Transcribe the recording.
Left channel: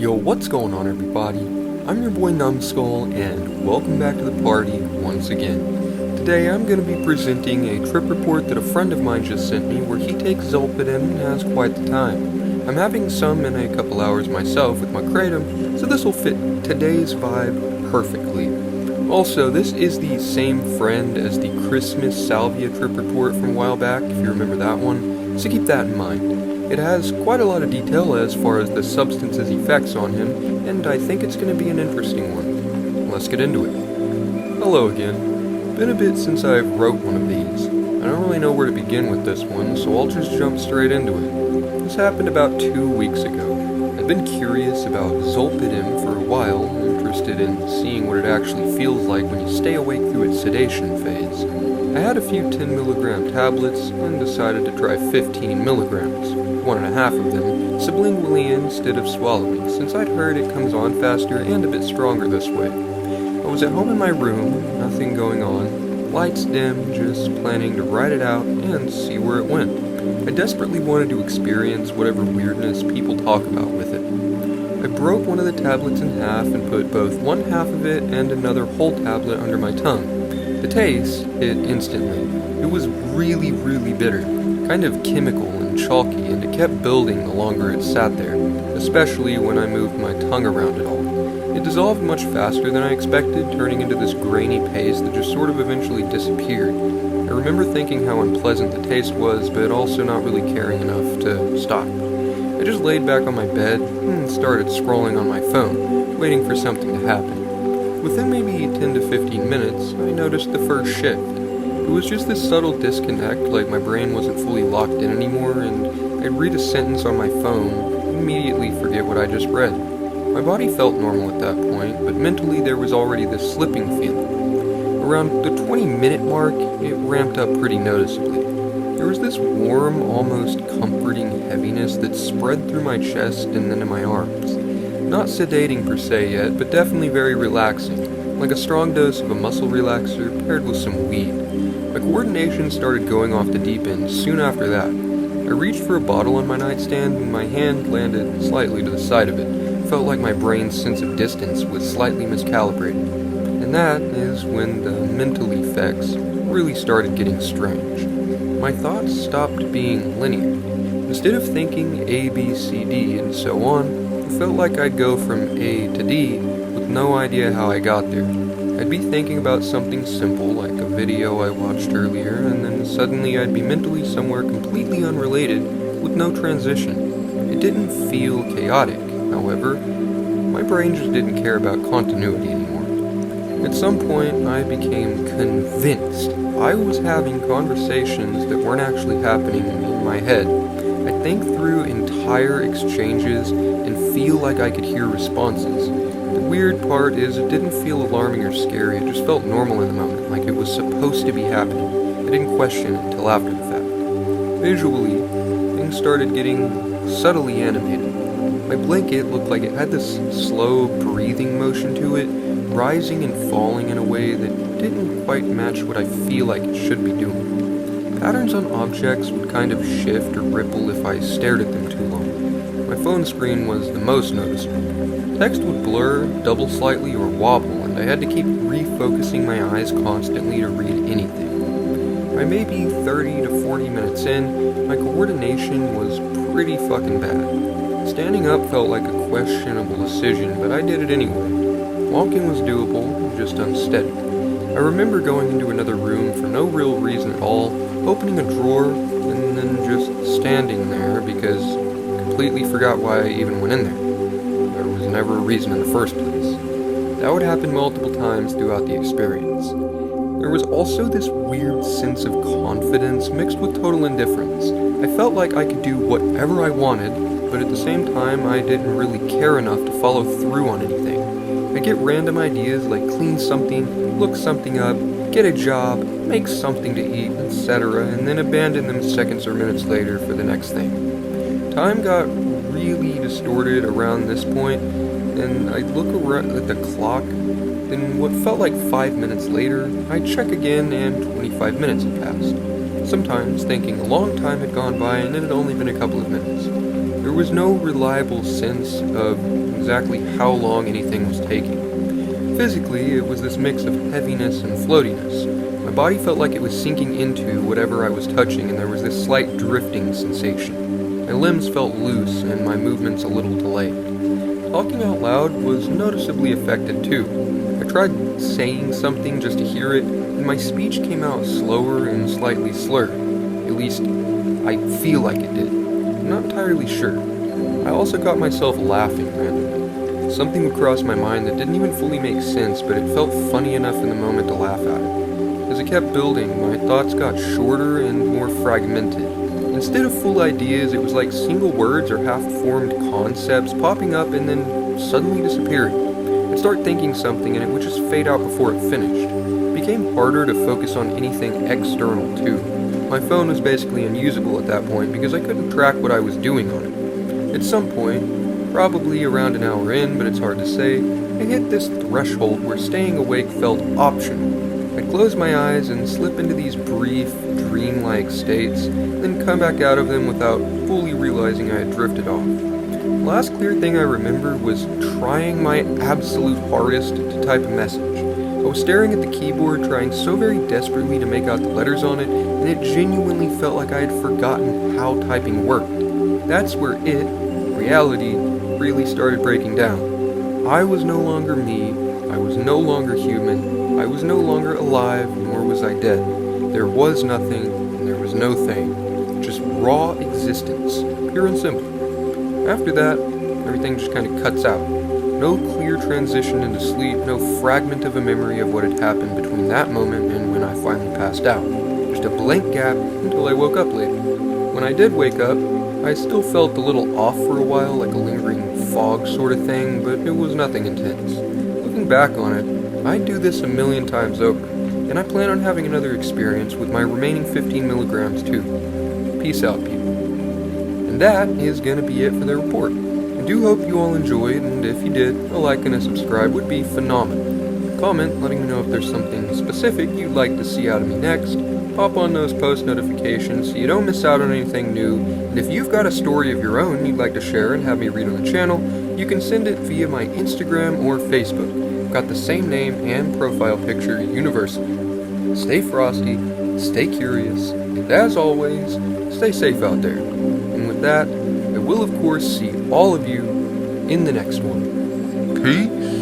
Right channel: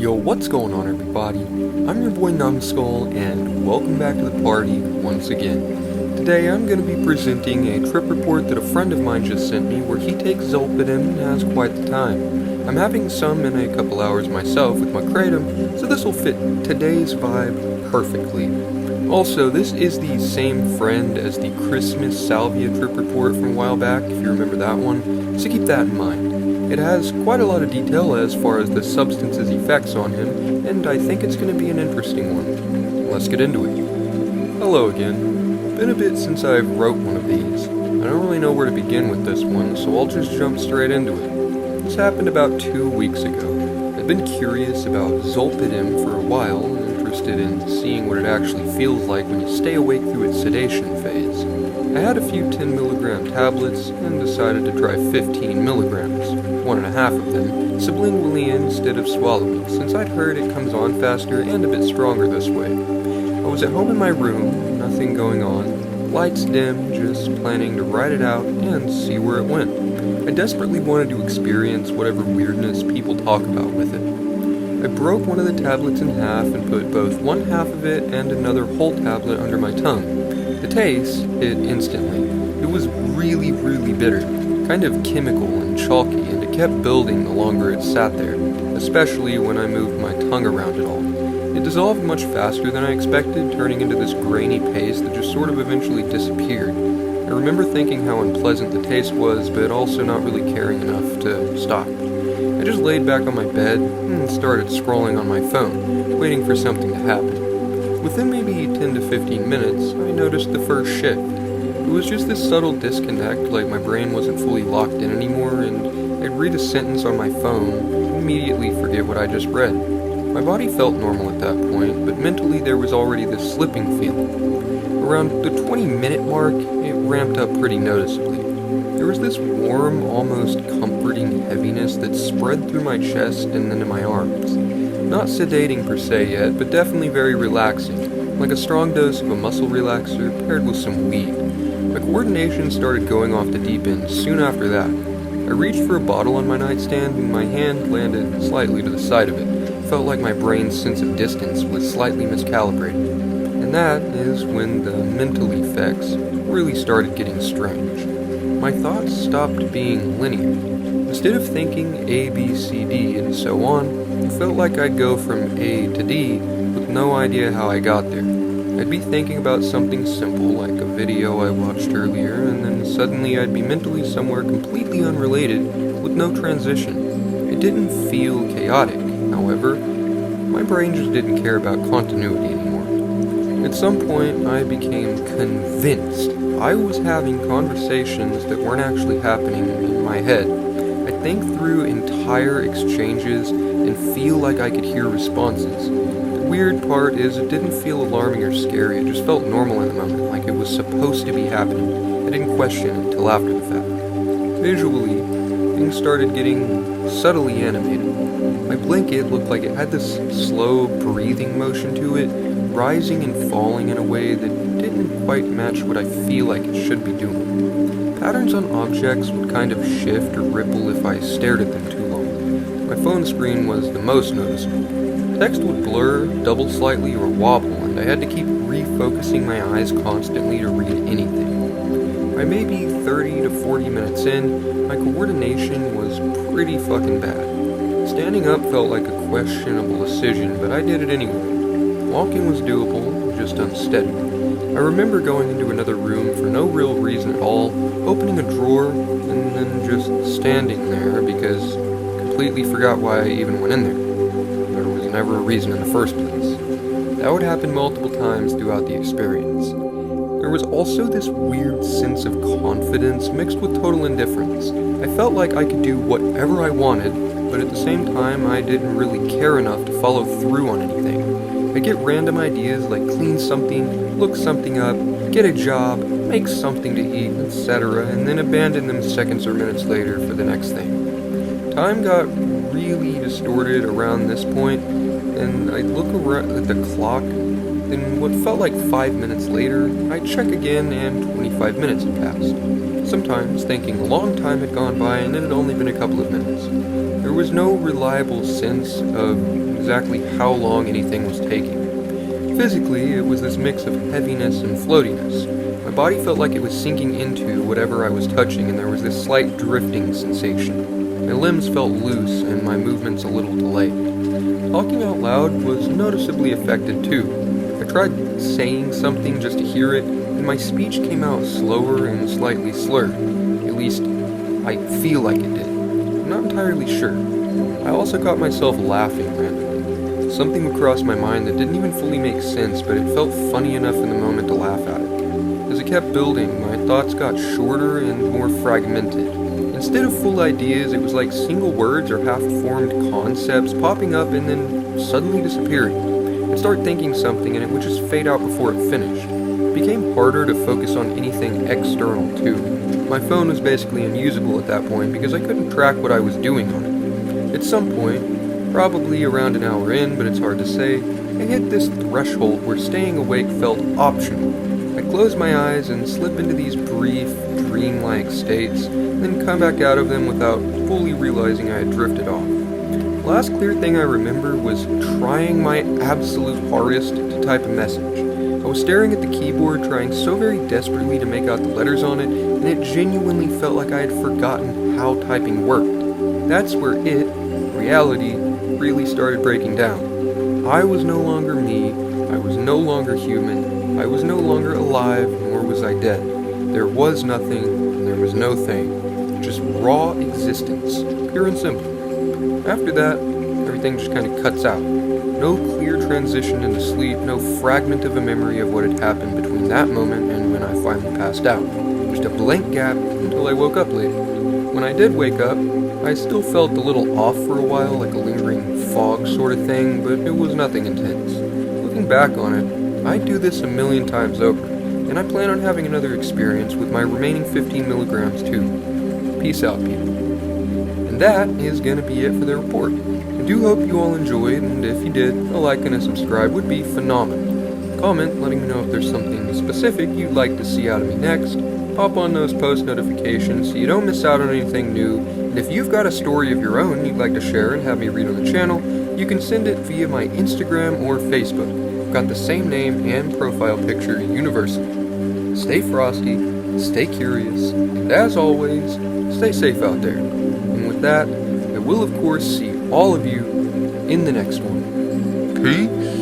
Yo, what's going on, everybody? I'm your boy Numbskull, and welcome back to the party once again. Today I'm going to be presenting a trip report that a friend of mine just sent me where he takes Zolpidem and has quite the time. I'm having some in a couple hours myself with my kratom, so this will fit today's vibe perfectly. Also, this is the same friend as the Christmas Salvia trip report from a while back, if you remember that one, so keep that in mind. It has quite a lot of detail as far as the substance's effects on him, and I think it's going to be an interesting one. Let's get into it. Hello again. Been a bit since I've wrote one of these. I don't really know where to begin with this one, so I'll just jump straight into it. This happened about 2 weeks ago. I'd been curious about Zolpidem for a while, interested in seeing what it actually feels like when you stay awake through its sedation phase. I had a few 10 milligram tablets and decided to try 15 milligrams, 1.5 of them sublingually instead of swallowing, since I'd heard it comes on faster and a bit stronger this way. I was at home in my room, nothing going on, lights dim, just planning to ride it out and see where it went. I desperately wanted to experience whatever weirdness people talk about with it. I broke one of the tablets in half and put both one half of it and another whole tablet under my tongue. The taste hit instantly. It was really, really bitter, kind of chemical and chalky, and it kept building the longer it sat there, especially when I moved my tongue around it all. It dissolved much faster than I expected, turning into this grainy paste that just sort of eventually disappeared. I remember thinking how unpleasant the taste was, but also not really caring enough to stop. I just laid back on my bed and started scrolling on my phone, waiting for something to happen. Within maybe 10 to 15 minutes, I noticed the first shift. It was just this subtle disconnect, like my brain wasn't fully locked in anymore, and I'd read a sentence on my phone, immediately forget what I just read. My body felt normal at that point, but mentally there was already this slipping feeling. Around the 20-minute mark, it ramped up pretty noticeably. There was this warm, almost comforting heaviness that spread through my chest and into my arms. Not sedating per se yet, but definitely very relaxing, like a strong dose of a muscle relaxer paired with some weed. My coordination started going off the deep end soon after that. I reached for a bottle on my nightstand and my hand landed slightly to the side of it. Felt like my brain's sense of distance was slightly miscalibrated. And that is when the mental effects really started getting strange. My thoughts stopped being linear. Instead of thinking A, B, C, D, and so on, it felt like I'd go from A to D with no idea how I got there. I'd be thinking about something simple like a video I watched earlier, and then suddenly I'd be mentally somewhere completely unrelated with no transition. It didn't feel chaotic, however. My brain just didn't care about continuity anymore. At some point, I became convinced I was having conversations that weren't actually happening in my head. I'd think through entire exchanges and feel like I could hear responses. The weird part is it didn't feel alarming or scary, it just felt normal in the moment, like it was supposed to be happening. I didn't question it until after the fact. Visually, things started getting subtly animated. My blanket looked like it had this slow breathing motion to it, rising and falling in a way that didn't quite match what I feel like it should be doing. Patterns on objects would kind of shift or ripple if I stared at them too long. My phone screen was the most noticeable. Text would blur, double slightly, or wobble, and I had to keep refocusing my eyes constantly to read anything. By maybe 30 to 40 minutes in, my coordination was pretty fucking bad. Standing up felt like a questionable decision, but I did it anyway. Walking was doable, just unsteady. I remember going into another room for no real reason at all, opening a drawer, and then just standing there because completely forgot why I even went in there. There was never a reason in the first place. That would happen multiple times throughout the experience. There was also this weird sense of confidence mixed with total indifference. I felt like I could do whatever I wanted, but at the same time I didn't really care enough to follow through on anything. I'd get random ideas like clean something, look something up, get a job, make something to eat, etc., and then abandon them seconds or minutes later for the next thing. Time got really distorted around this point, and I'd look around at the clock, then what felt like 5 minutes later, I'd check again and 25 minutes had passed. Sometimes thinking a long time had gone by and it had only been a couple of minutes. There was no reliable sense of exactly how long anything was taking. Physically, it was this mix of heaviness and floatiness. My body felt like it was sinking into whatever I was touching, and there was this slight drifting sensation. My limbs felt loose, and my movements a little delayed. Talking out loud was noticeably affected too. I tried saying something just to hear it, and my speech came out slower and slightly slurred. At least, I feel like it did. I'm not entirely sure. I also caught myself laughing randomly. Something would cross my mind that didn't even fully make sense, but it felt funny enough in the moment to laugh at it. As it kept building, my thoughts got shorter and more fragmented. Instead of full ideas, it was like single words or half-formed concepts popping up and then suddenly disappearing. I'd start thinking something and it would just fade out before it finished. It became harder to focus on anything external too. My phone was basically unusable at that point because I couldn't track what I was doing on it. At some point, probably around an hour in, but it's hard to say, I hit this threshold where staying awake felt optional. I'd close my eyes and slip into these brief, dreamlike states, and then come back out of them without fully realizing I had drifted off. The last clear thing I remember was trying my absolute hardest to type a message. I was staring at the keyboard, trying so very desperately to make out the letters on it, and it genuinely felt like I had forgotten how typing worked. That's where reality, really started breaking down. I was no longer me, I was no longer human, I was no longer alive, nor was I dead. There was nothing, and there was no thing. Just raw existence, pure and simple. After that, everything just kind of cuts out. No clear transition into sleep, no fragment of a memory of what had happened between that moment and when I finally passed out. Just a blank gap until I woke up later. When I did wake up, I still felt a little off for a while, like a lingering fog sort of thing, but it was nothing intense. Looking back on it, I'd do this a million times over, and I plan on having another experience with my remaining 15 milligrams too. Peace out, people. And that is gonna be it for the report. I do hope you all enjoyed, and if you did, a like and a subscribe would be phenomenal. Comment letting me know if there's something specific you'd like to see out of me next. Pop on those post notifications so you don't miss out on anything new, and if you've got a story of your own you'd like to share and have me read on the channel, you can send it via my Instagram or Facebook. I've got the same name and profile picture universally. Stay frosty, stay curious, and as always, stay safe out there. And with that, I will of course see all of you in the next one. Peace.